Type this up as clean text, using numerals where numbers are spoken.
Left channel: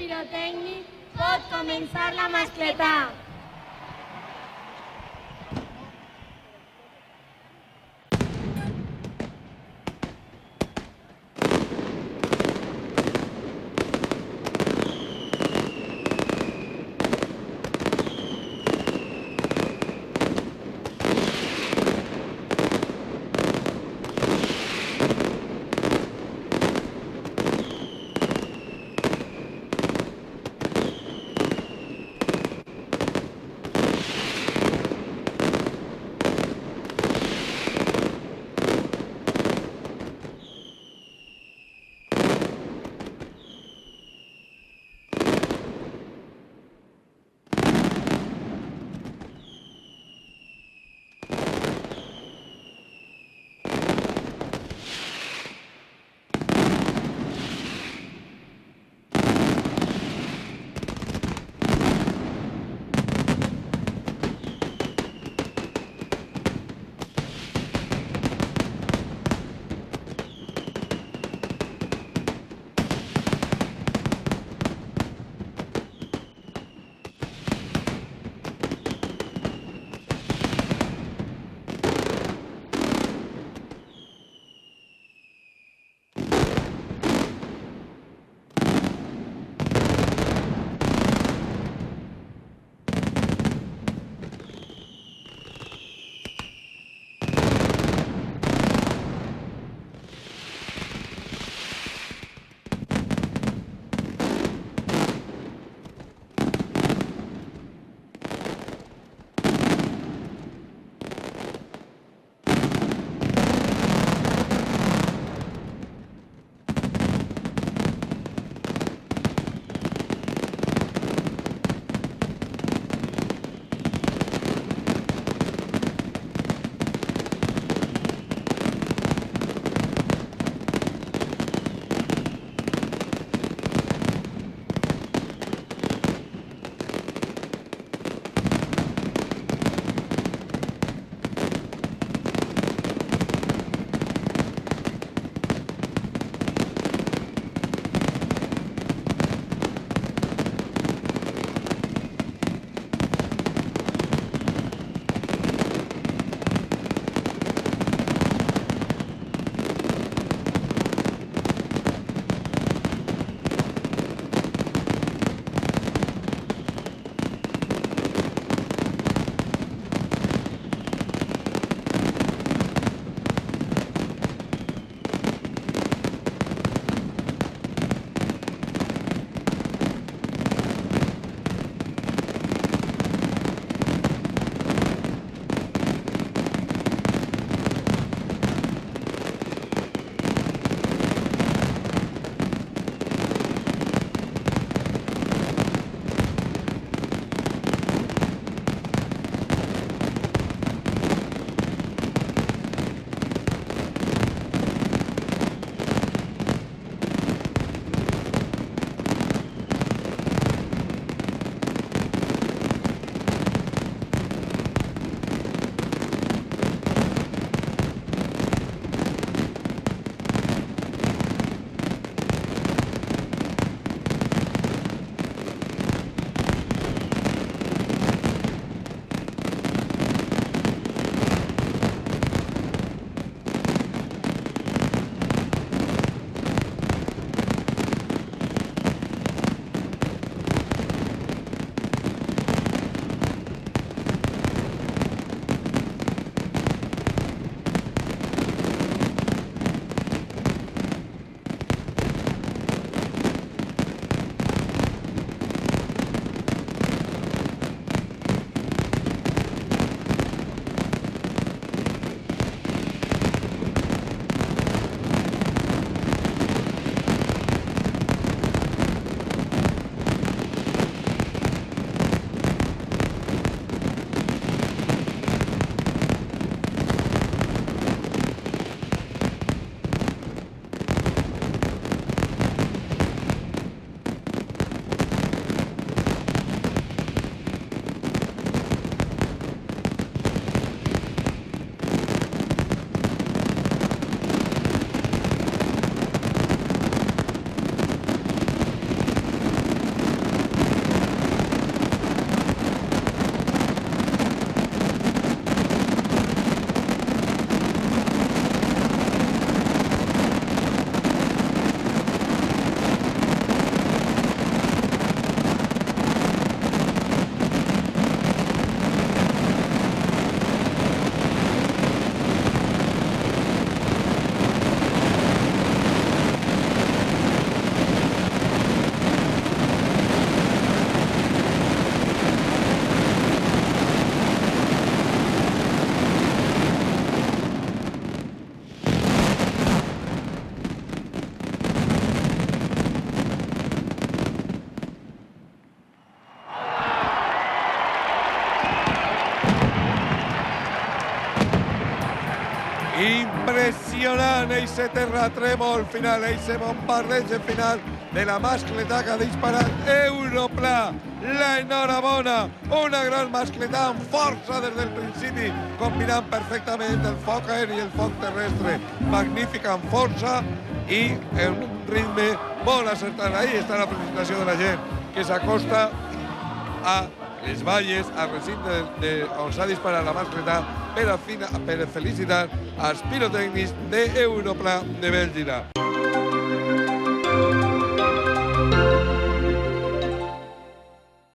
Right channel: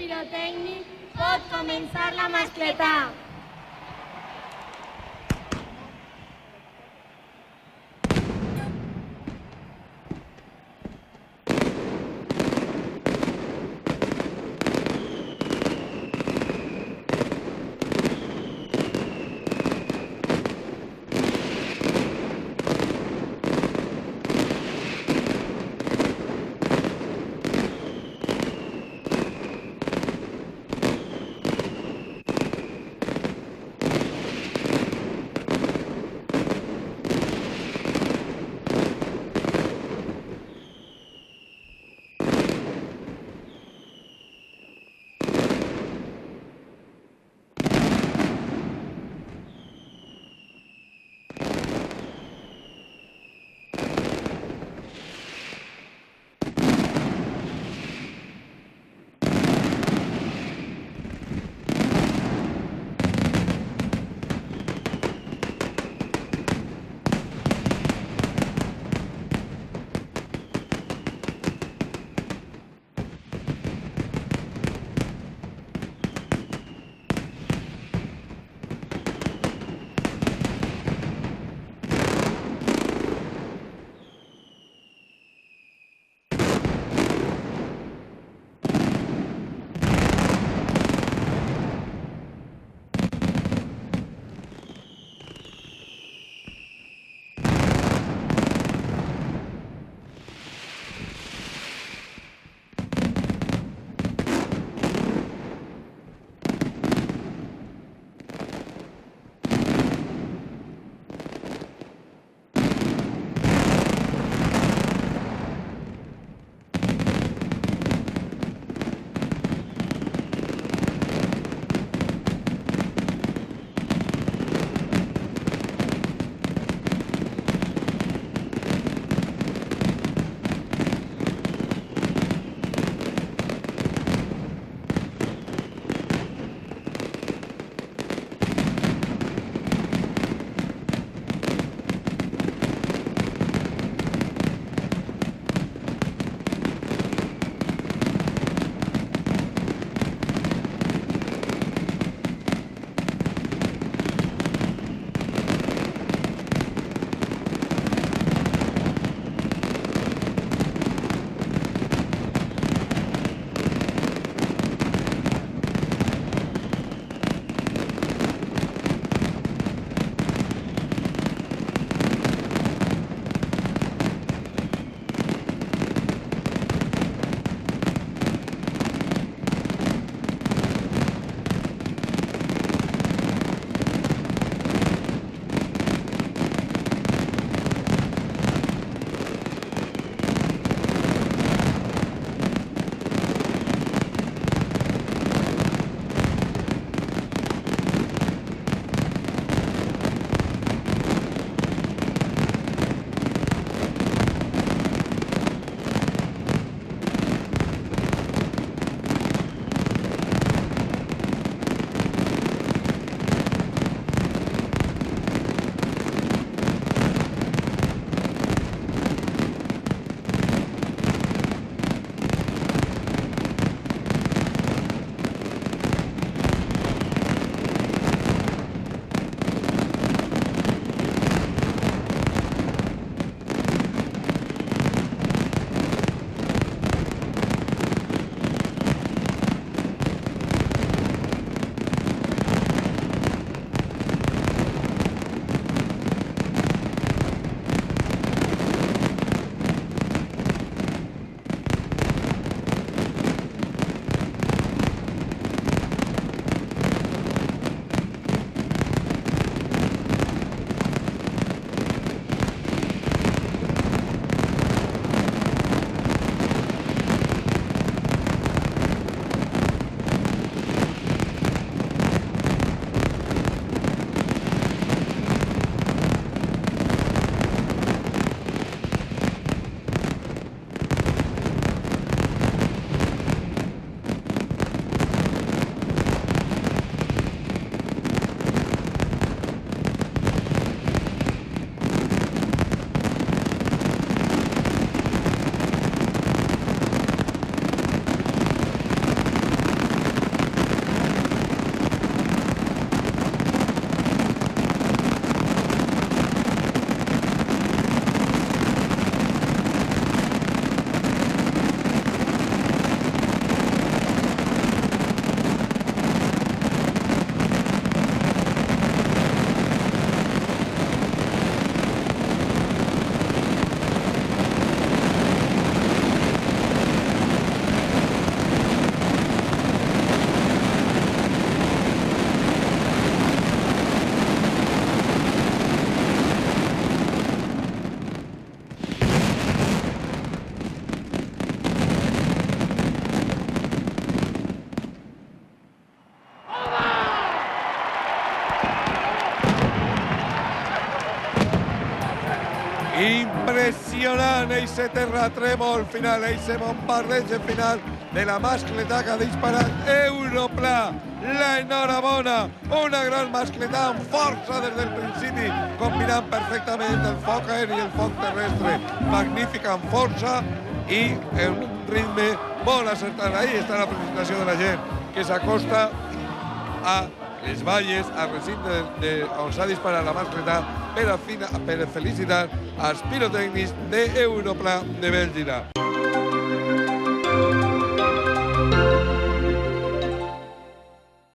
pirotècnic pot començar la mascletà. Impressionant aquest terratrèmol final, aquest bombardeig final de la mascletà que ha disparat Europla. L'enhorabona, una gran mascletà amb força des del principi, combinant perfectament el foc aeri i el foc terrestre. Magnífica amb força i en un ritme molt acertat. Ahí està la presentació de la gent que s'acosta a les valles, al recinte on s'ha disparat la mascletà per felicitar als pirotècnics d'Europla de Bèlgida.